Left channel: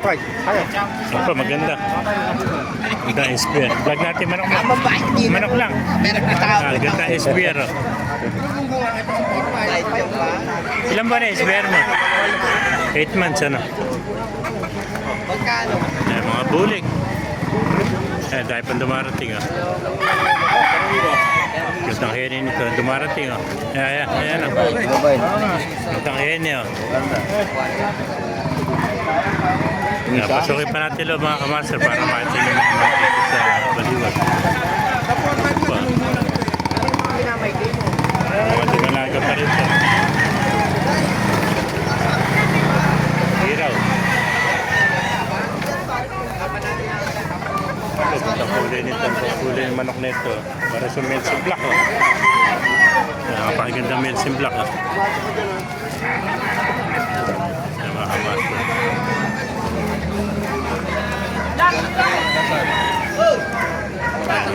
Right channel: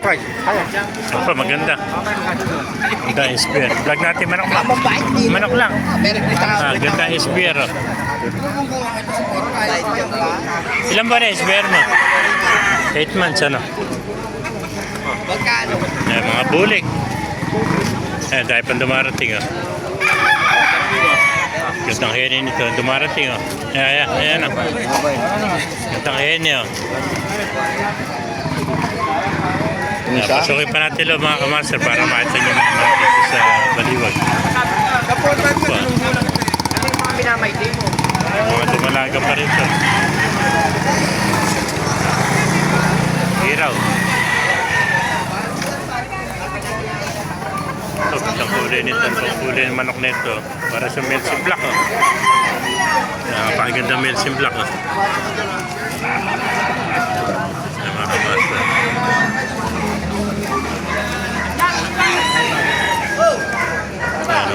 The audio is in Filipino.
Try. Kaya. Opo, maganda. Ganda ang SPR. Vlog natin manok din. Manok lang. Meron kita Ah, ganda ang SPR. Oh. Ilan ba na SPR mo? 8 months ano? Eh, mga bulik. Eh, dahil pang dumarating oh. Gandang hene nito. Dumarating oh. Ayan, ayan, ayan oh. Gandang hene oh. Uh, pasukin pa natin lo mga kamaster para makita nyo mga mga dito sa baliwag. Ba, Ano yung mga minamay din mo? mga dumalaga pa rin to. Hiraw. Ito, isang kulay nito. Ang kulay ng manok nito. Para sa Melsin Black oh. Napakaganda Melsin Black oh.